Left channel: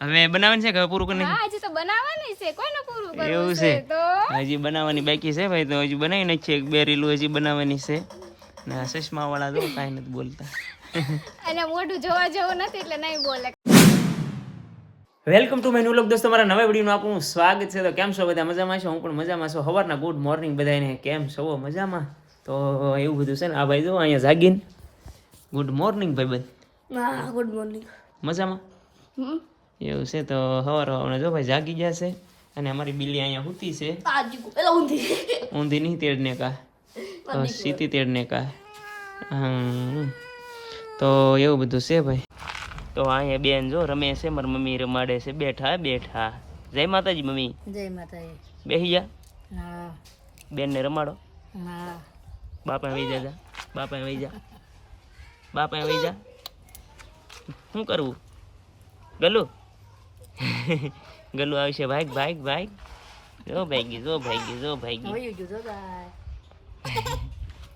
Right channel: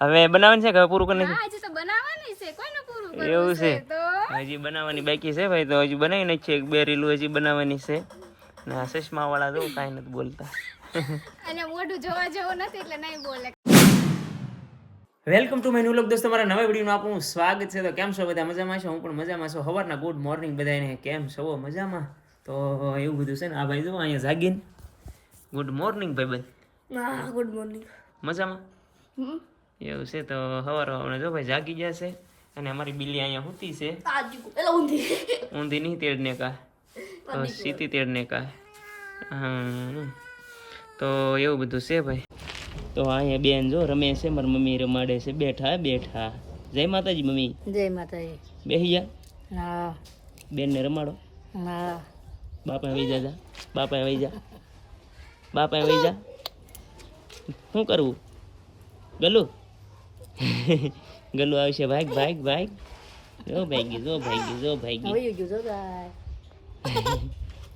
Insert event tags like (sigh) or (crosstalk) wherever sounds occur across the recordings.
હવે બનાવવાની છે કે પૂરું કરી હા હજી તો બનાવવાની છે. કોઈને પૂરું કરવું એવું છે તો? હજી બનાવવાની બાકી છે ભાઈ તો હજી બનાવી છે એક બે રીલું હજી બનાવવાની છે. ને આ ચશ્મા વાળા તો કાંઈ નથી બોલતા. અને મોઢું જોવા જેવું નથી એટલે નહીં બોલે. વેલકમ ટુ માય ન્યુ લોક દોસ્તો મારા નવા વિડીયોનું આપણું સ્વાગત છે. તો કેમ છો બધા? મજામાં છો? હું પણ મજામાં છું. સવારના ગુડ મોર્નિંગ બધાને કેમ છો? મજામાં? તો એવું બધું છે ને આ ભાઈ જો અહીંયા જાગીને. ગુડ મોર્નિંગ ભાઈ બધ હા ગુડ મોર્નિંગ. મજામાં? એવું છે તો સવાર સવારમાં જો ભાઈ જાગી ગયા છે અને અમારી બિલ્લી અહીંયા સૂતી છે. ઊંધી. ઊંધી નહીં તેડને કા. તો સીધી તેડને કા. તો એવું બધું છે ભાઈ. તો અહીંયા બેન જો રમે છે મારી મમ્મી રમાડે છે. બેઠા બેઠા. જય માતાજી મમ્મી. જય માતાજી. બેહી જા હા. બેનને રમાડો. હા. બાપા વહી જા બાપા વહી જા. બાપા વહી જા. શું કરવું? ગલું (laughs) ગલું આવશે ભાઈ ભાઈ ભાઈ જો ભાગી જો ભાગી જો ભાગી વયું ગયું જો ગાય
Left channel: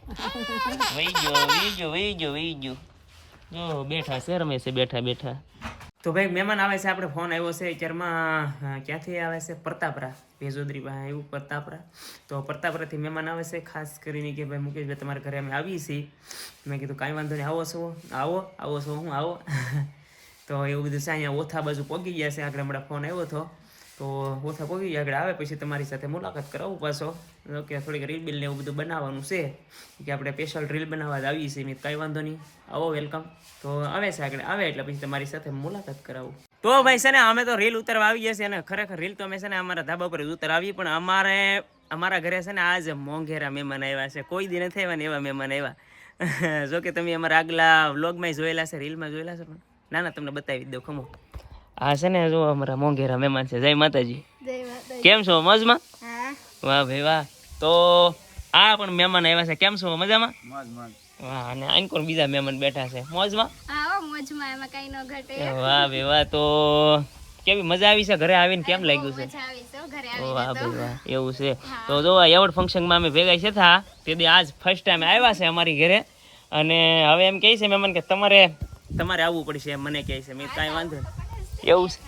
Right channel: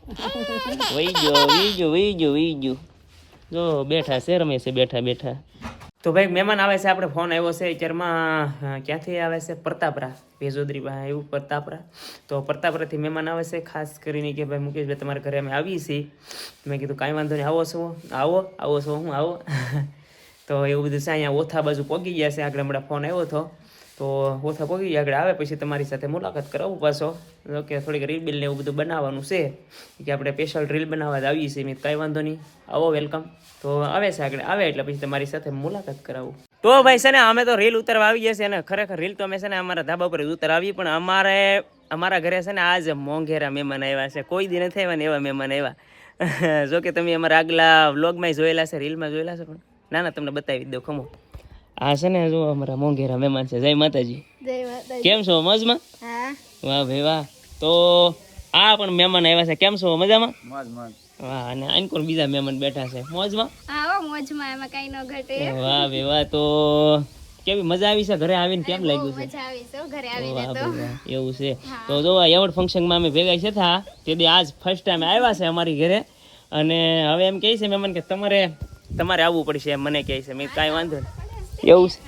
વહી ગયો વહી ગયો વહી ગયો વહી ગયો. જો બેઠા છે રમે છે બેઠા બેઠા. તો ભાઈ મહેમાન આવે છે આપણે ફોન આવ્યો છે અત્યારમાં ક્યાંથી આવે છે? પ્રતાપરા. ભેજોદરી એવું પ્રતાપરા. તો પ્રતાપરાથી મહેમાન આવે છે ખાસ કરીને કે ભાઈ મુકેશભાઈ તમારા ઘરે અમે આવીએ છીએ. મેં કીધું કાંઈ વાંધો નહીં આવો છો. આવો આવો છો હું આવો. (laughs) તો એવું બધું છે, અહીંયા ઓથા બાજુ પહોંચી ગયા છે, આગળ હમણાં ફોન આવ્યો હતો. તો ઓથા પહોંચી ગયા, આગળ આવે પછી તમારી સાથે મુલાકાત કરાવું પાછો. ઓકે થોડીક રીલ બિલ ને એવું બધું બનાવવાનું છે, કે આપણે સ્પેશિયલ રીલ બનાવવા જ આવીએ છીએ કાંઈ વાંધો નહીં. આવો વેલકમ તો આવે છે આગળ, આવે એટલે પછી તમારી સાથે મુલાકાત કરાવું. તો ભાઈ છે ને, અમે તો રીલ ઉતારવા આવી ગયા છે અને ખરેખર રીલ તો અમે છે ને અમારા ધાબા પર ઉતારવી, પણ અમારે, અમારા ઘરે છે ને આજ મોંઘેરા મહેમાન આવ્યા છે. કોઈ દી નથી આવ્યા ને એવા મહેમાન આવ્યા. (laughs) જો કે તમે અમારા આગલા વ્લોગમાં જોયેલા છે રીલમાં જોયેલા છે પણ. ના ના તમને બતાવી દઉં ખમો. આ છે ને જો અમારા મોંઘેરા મહેમાન છે. જય માતાજી. કેમ છો? મજમાં? વાહ ભાઈ વાહ. તો આ પણ મહેમાન આવ્યા છે. કેમ છો? મજામાં? વાહ અને આન કોણ બીજા મહેમાન બેઠા છે? મોજમાં? હા મોજમાં. એમાં કઈ ન ઘટે. વાહ ભાઈ વાહ. તો કેવી મજા આવી છે? ઘરે આવીને કેમ લાગ્યું છે? એવું છે. તો જો એવોર્ડ ફંક્શનમાં અમે ભેગા છે થા. તે દી આજ ફર્સ્ટ ટાઈમ આવ્યા છે અમારી ઘરે. અને હવે એમ કહે છે મહેમાન કે તમારે તમારે આવવું પડશે એમ મને કહે છે. મેં કાંઈ વાંધો નહીં. એવું છે?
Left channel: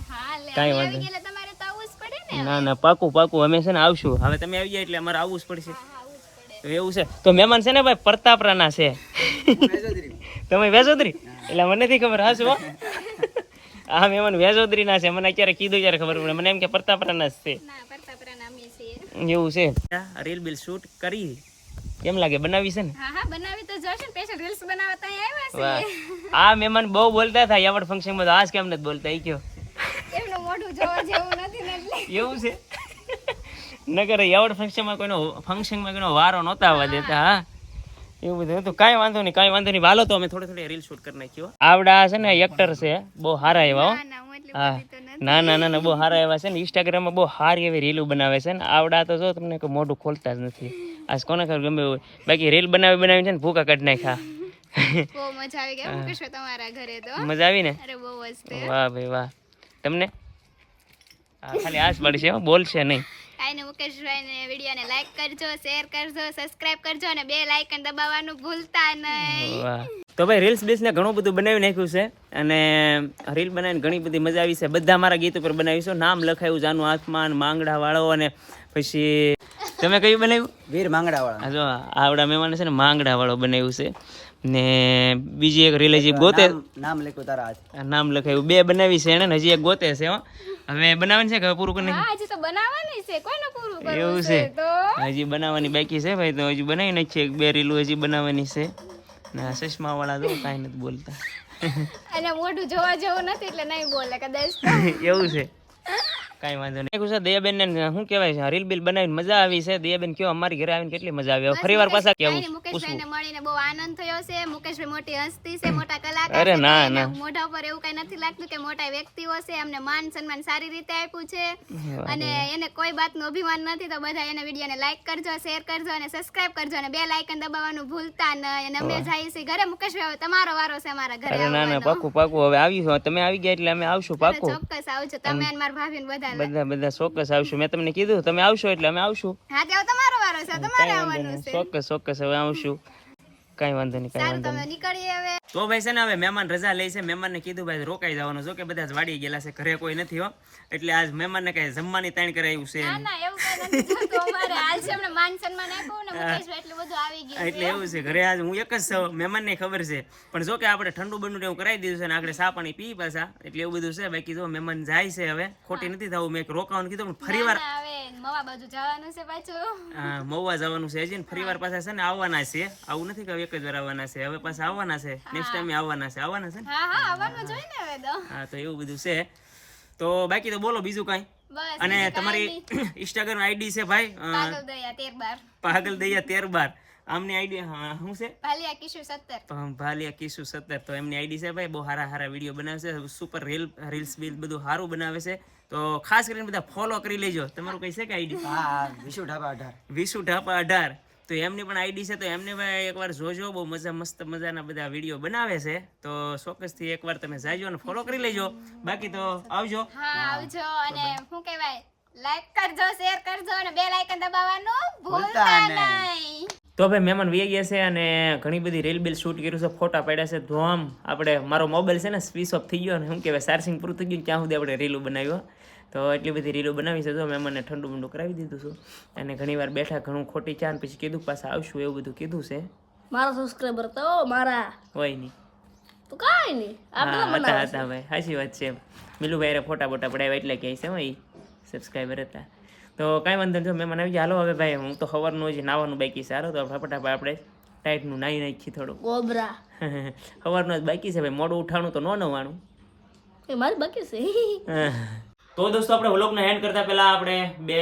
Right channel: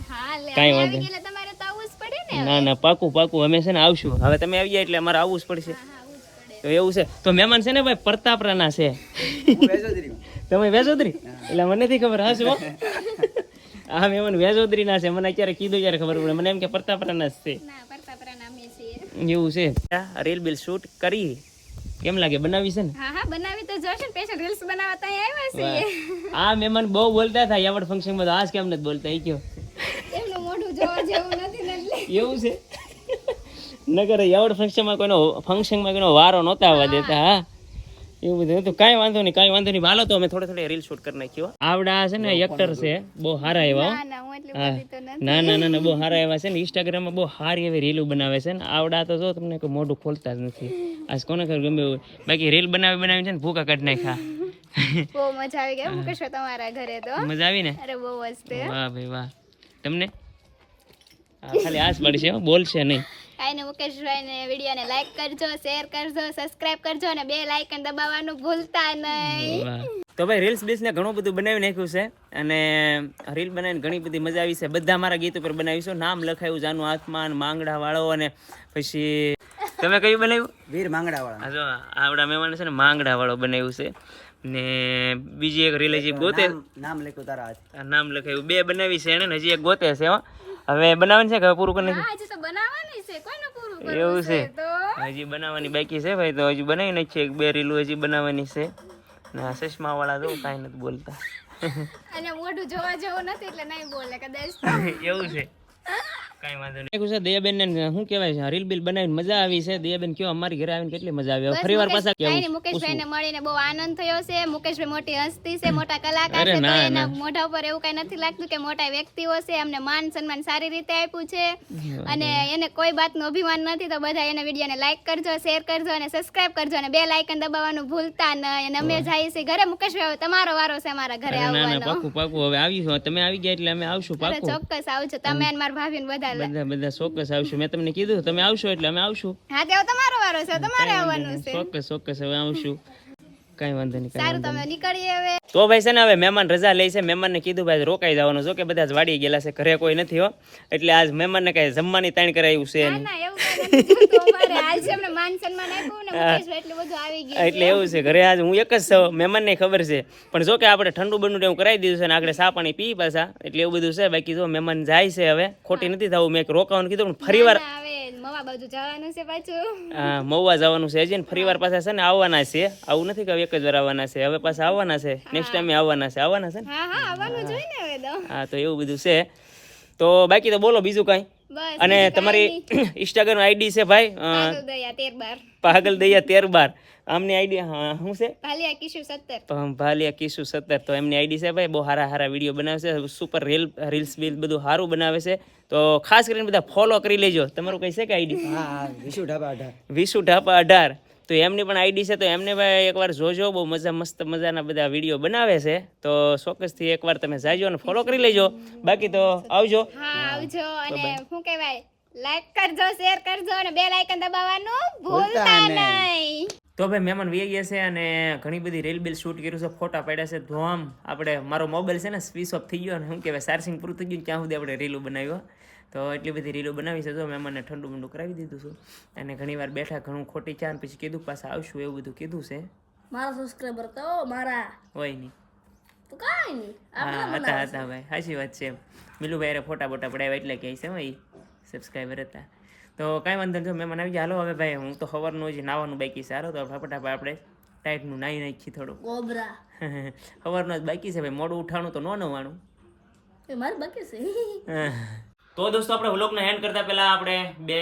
કાંઈ વાંધો આવી ગયા એટલે તમારે તો આવવું જ પડે ને ના ના પાકું પાકું. અમે છે ને આવશું. હવે તમે આવી ગયા એટલે અમારે આવવું જ પડશે. તો એવું છે. તો મહેમાન છે ને ભાઈ પ્રતાપરાના છે. તમે વેજોદરી? એટલે મને નથી ખબર હા શું આ મહેમાન વેજોદરીના છે. મને અત્યારે કીધું ત્યારે ખબર પડે. મને એમ કે પ્રતાપરાના જ છે. ના એવું છે. રીલ બિલ શૂટ કરી. કેમ લાગે? બનાવી છે ને? હા હા બનાવી તો જોશે સ્પેશિયલ રીલ્સ બનાવતા આવ્યા છે આ મહેમાન બહુ બોલતા થાય આવડ ફંક્શનમાં તો આજ કેમ નથી બોલતા? એ કયો? એમનું મોઢું જોવા જેવું નથી ને એટલે. એવું છે? નગર એવડ ફંક્શનમાં કોઈનો ફંક્શનમાં કોઈનો વારો નહોતા આવવા દેતા હા. એવું બધું હતું. કાંઈ વાંધો નહીં કાંઈ વાંધો નહીં. વાલો તો અમે થોડે થોડે રીલ શૂટ કરી નાખ્યો. આવડા છે ને એક્ટર છે. બહુ સારા એવા ના ના હા ના ના ના ના બહુ સારા એવા છે ને. ઇન્સ્ટાગ્રામમાં બહુ સારી એવી રીલો બનાવે છે ને. આવડા તો જો તમને કોઈ મોઢું ખોલતા જ નથી. આજ કોને ખબર ગમે એવું હોય. બાકી રીલ બનાવી બનાવી છે ને ભૂકા કાઢી નાખ્યા. બહુ મજા આવી ગઈ. મુકેશ તમારા ઘરે તો. મજા આવી ને? અરે બહુ મસ્ત. વાહ ભાઈ વાહ. તમને? ખાલી આસ પડશે હો, બોલશે નહીં. કાંઈ ને મુકેશભાઈ ને વીડિયો ને લાઈક કરજો શેર કરજો સબસ્ક્રાઇબ કરજો અને બે લાઇકન દબાવવાનું ભૂલતા નહીં. તો ભાઈ રીલ્સ ને ઘણું બધું બનાવી નાખ્યું છે અને રીલ બનાવીને ઘણી બધી મજા આવી છે. બધા મારા ગીત ઉપર બનાવીશું નામ લખાયું જાનું આત્માન માંગડા વાળો અને પછી તમે કયું બનાવ્યું? વીર માંગડા વાળો જો આવડા મહેમાન છે ને માંગડા વાળો બનાવ્યું છે. ને બીજી એક રીલ હજી ગોતે નામ લખ્યું તારા નામ લખાયું. બે બનાવી છે એને ને હજી એક ગોતે છે હો. હવે બનાવવાની છે કે પૂરું કરી નાખ્યું? હા હજી તો બનાવવાની છે. કોઈને પૂરું કરવું એવું છે તો? હજી બનાવવાની બાકી છે ભાઈ તો હજી બનાવી છે. એક બે રીલું હજી બનાવવાની છે. ને ચશ્મા વાળા તો કાંઈ નથી બોલતા. (laughs) અને મોઢું જોવા જેવું નથી એટલે નહીં બોલે કદાચ (laughs) એવું છે. કાંઈ વાંધો નહીં. છે દયાબેન ને શું કહેવાય છે? રીલ બિલ બનાવીને મજા આવી છે? દયાબેન કયો? અમારી ઘરે આવીને કેટલી મજા આવી? ફરી વાર પાછા કેવું મુકેશભાઈ ને મળીને બહુ આનંદ થયો છે. મુકેશભાઈ મોટી હસ્તી છે મોટા કલાકાર છે એના મોઢા ઉપર એવું કઈ નથી લાગતું કે મોટા વ્યક્તિઓ છે એમને માન સન્માન સારી રીતે આપ્યું છે. અને એને કોઈ વાતનું અભિમાન નથી તો બધા એને વિડીયોને લાઈક કરજો શેર કરજો અને સબસ્ક્રાઇબ કરજો અને બે લાઇકન દબાવવાનું ભૂલતા નહીં અને અમે જઈએ છીએ ઘરે. મુકેશભાઈ હવે તમારો વારો છે અમારા ઘરે ના ના આવવાનો. પાકું પાકું. હવે આવીશું. તમે આવી ગયા એટલે અમે આવશું પાકું. ચોક્કસ આવજો. તમે અને મારા ભાભી ને બધા બધા બધા ચોક્કસ આવશું. મેં તમને કીધું તમે આવશો એટલે અમે આવશું. હા તમારો વારો છે તમારે આવવાનું છે. ચોક્કસ ચોક્કસ હવે આવશું. કાંઈ વાંધો નહીં સારું તમે નીકળીએ હવે. તો ભાઈ છે ને હવે મહેમાન રજા લે છે. મહેમાનને કીધું ભાઈ રોકાઈ જવાનું જો કે બધા જ વાડી ગયેલા છે ઘરે કોઈ નથી હો. એટલે આજ મહેમાનને કઈ જમવાની તાણ કરાયું છે ના ના ને એટલું એવું છે ઘરે આજ હું એક જ છું મહેમાનને ખબર છે. પણ જો કે આપણે ઠંડુ બંડુ એવું કરાવી દીધું છે ને આગળ સા પાણી પી પાછા. એટલે એવું બધું છે. બાકી જો મહેમાન જાય છે હવે. ખોટી નથી થવું. મેં રોકાવાનું કીધું પણ ફરી વાર ના, મવા બાજુ જવાનું છે પાછું. હા, મવા જવાનું છે હજી ફરી વાર પાછા છે ને આવવાના છે. આવું નથી કે એક જ વાર આવવાના છે. હવે પાછા આવવાના છે. નેક્સ્ટ ટાઈમ આવવાના છે. આવવાના છે હા હા આવવાનું જોઈએ ને હવે તો. હા તો એવું બધું છે. તો બાકી તો બોલો બીજું કાંઈ? અને તમારી ઇન્સ્ટાગ્રામ આઈડી (coughs) છે ભાઈ? પાગલ દયા તેર બાર પાગલ દયા તેર બાર આમની આઈડી શું છે? ભાલિયા કિશુ સત્તર. ભાલિયા કિશુ સત્તર. તો એમની આઈડી છે ભાઈ બહુ સારા સારા વીડિયો બનાવે છે સુપર રીલ રીલ્સ બીલ બધું સારું બનાવે છે. તો ખાસ કરીને બધા ફોલો કરી લેજો. તમારું કઈ છે કે આઈડી? હા વિશુ ઢાબા અઢાર. વિશુ ઢાપા અઢાર. તો એમની પણ આઈડી છે તો એમને ભાઈ એકવાર જોજો બહુ મજા મસ્ત મજાના બધા વીડિયો બનાવે છે. તો ચોક્કસથી એકવાર તમે જાજો અને ફોલો કરી લેજો. બાકી તો આવજો. હા આવજો. અને શું કહેવાય? લાઈક કરજો શેર કરજો અને બે લાઇકન દબાવવાનું ભૂલતા નહીં. તો ભાઈ મહેમાન વી ગયા છે અને ઘણી બધી રીલ બિલ શૂટ કર્યું છે ફોટા પાડ્યા છે ધોમ. આપણે મારો મોબાઈલ છે ને સ્વિચ ઓફ થઈ ગયો અને શું કહેવાય ચાર્જિંગ પૂરું થઈ ગયું ત્યાં સુધી આપણે રીલો બનાવ્યો. તો એટલી બધી રીલો બનાવી છે તો મહેમાનને ઠંડુ બંડુ કરાવી દીધું છું. અને ઘણી વાર બેઠા ઘણું ખોટી ચા પછી કીધું પાછા આવશું એવું બધું કીધું છે. મારા સબસ્ક્રાઈબર તો મારા. હોય નહીં. તો કાંઈ નહીં. હતા હતા ભાઈ. સાચી વાત છે મિલુભાઈ ફોટા બોટા પડાવ્યા એટલે કહે છે ભાઈ સબસ્ક્રાઈબર હતા. તો કાંઈ વાંધો નહીં જો મેં આવી ગયા હાલો હવે ભાઈ હું તો સવારનું જ નાવાનું બાકી છે. હાલો તો ફટાફટ આપણે ટાઈટનું નાહી નાખી થોડું ઓબરા (laughs) સવારનું જ બાકી છે ભાઈ મોડું ઉઠાણું તો ન નવાનું એ મારી બાકી છે. (laughs) તો દોસ્તો, આપણે વ્લોગને હેન્ડ કરતા પહેલા આપણે બે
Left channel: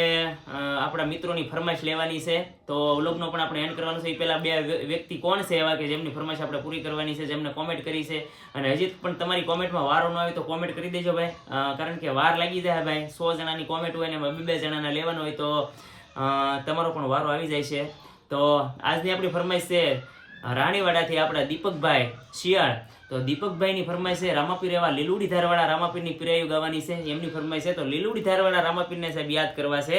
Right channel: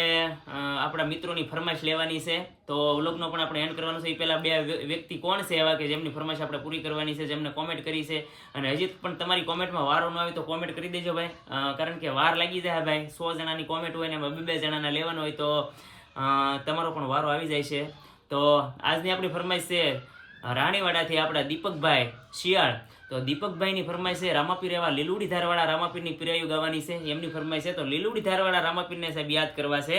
આપણા મિત્રોની ફરમાઈશ લેવાની છે. તો વ્લોગનો પણ આપણે હેન્ડ કરવાનું છે. એ પહેલાં બે વ્યક્તિ કોણ છે એવા કે જેમની ફરમાઈશ આપણે પૂરી કરવાની છે, જેમને કોમેન્ટ કરી છે. અને હજી પણ તમારી કોમેન્ટમાં વારો ન આવે તો કોમેન્ટ કરી દેજો ભાઈ. કારણ કે વાર લાગી જાય ભાઈ. સો જણાની કોમેન્ટ હોય ને બે બે જણાના લેવાનો હોય તો તમારો પણ વારો આવી જાય છે. તો આજની આપણી ફરમાઈશ છે, રાણીવાડાથી આપણા દીપકભાઈ શિયાળ. તો દીપકભાઈની ફરમાઈ છે, રામાપીર એવા લીલુડી ધારવાળા રામાપીરની પીરાયું ગાવાની છે. એમની ફરમાઈ છે, તો લીલુડી ધારવાળા રામાપીરને સાહેબ યાદ કરવા છે.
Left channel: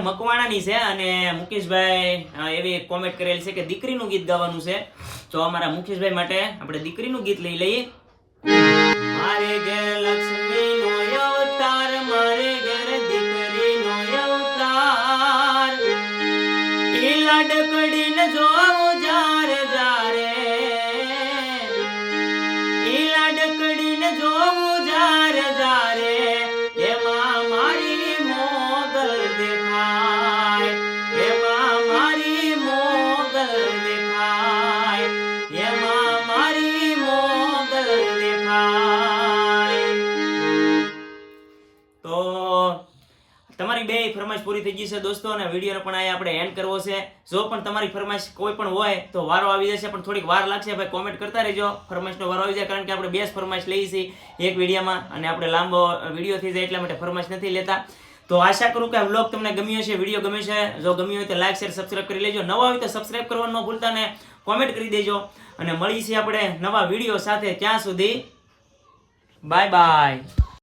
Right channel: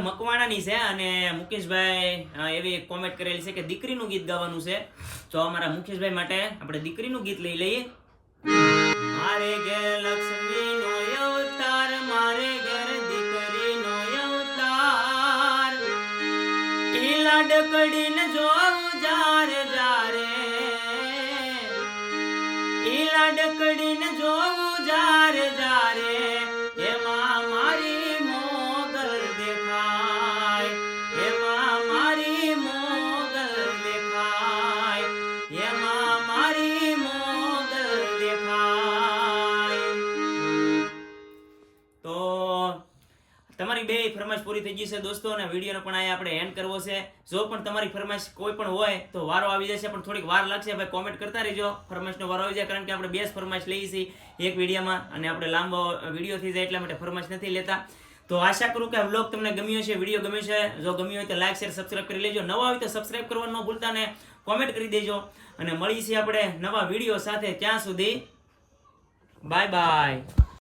મકવાણાની છે અને મુકેશભાઈ એવી કોમેન્ટ કરેલી છે કે દીકરીનું ગીત ગાવાનું છે. તો અમારા મુકેશભાઈ માટે આપણે દીકરીનું ગીત લઈ લઈએ. મારે ઘેર લાડકડીને જોઉં જાર જારે. ઈ લાડકડીને જોઉં ફરમાઈશ પૂરી થઈ ગઈ દોસ્તો, અને વિડીયોનો પણ અહીંયા આપણે એન્ડ કરવો છે. જો પણ તમારી ફરમાઈશ કોઈ પણ હોય, તો વારો આવી જશે, પણ થોડીક વાર લાગશે, ભાઈ કોમેન્ટ કરતા રહેજો. ફરમાઈશનો વારો આવી જાય, કારણ કે આપણે બે જ ફરમાઈશ લઈએ છીએ એક વિડીયોમાં, અને આપણે લાંબો વીડિયો થઈ જાય, એટલા માટે ફરમાઈશ નથી લેતા. તો આશા કરું કે આ તમને ગમ્યો છે વીડિયો ગમે છે, જો ગમ્યો હોય તો લાઈક શેર સબસ્ક્રાઇબ કરી લેજો. નવા હોય તો સબસ્ક્રાઈબ કરવાનું ન ભૂલતા ને કોમેન્ટ કરી દેજો. અને મળીએ આપણે નવા વીડિયો સાથે. ત્યાં સુધી બાય બાય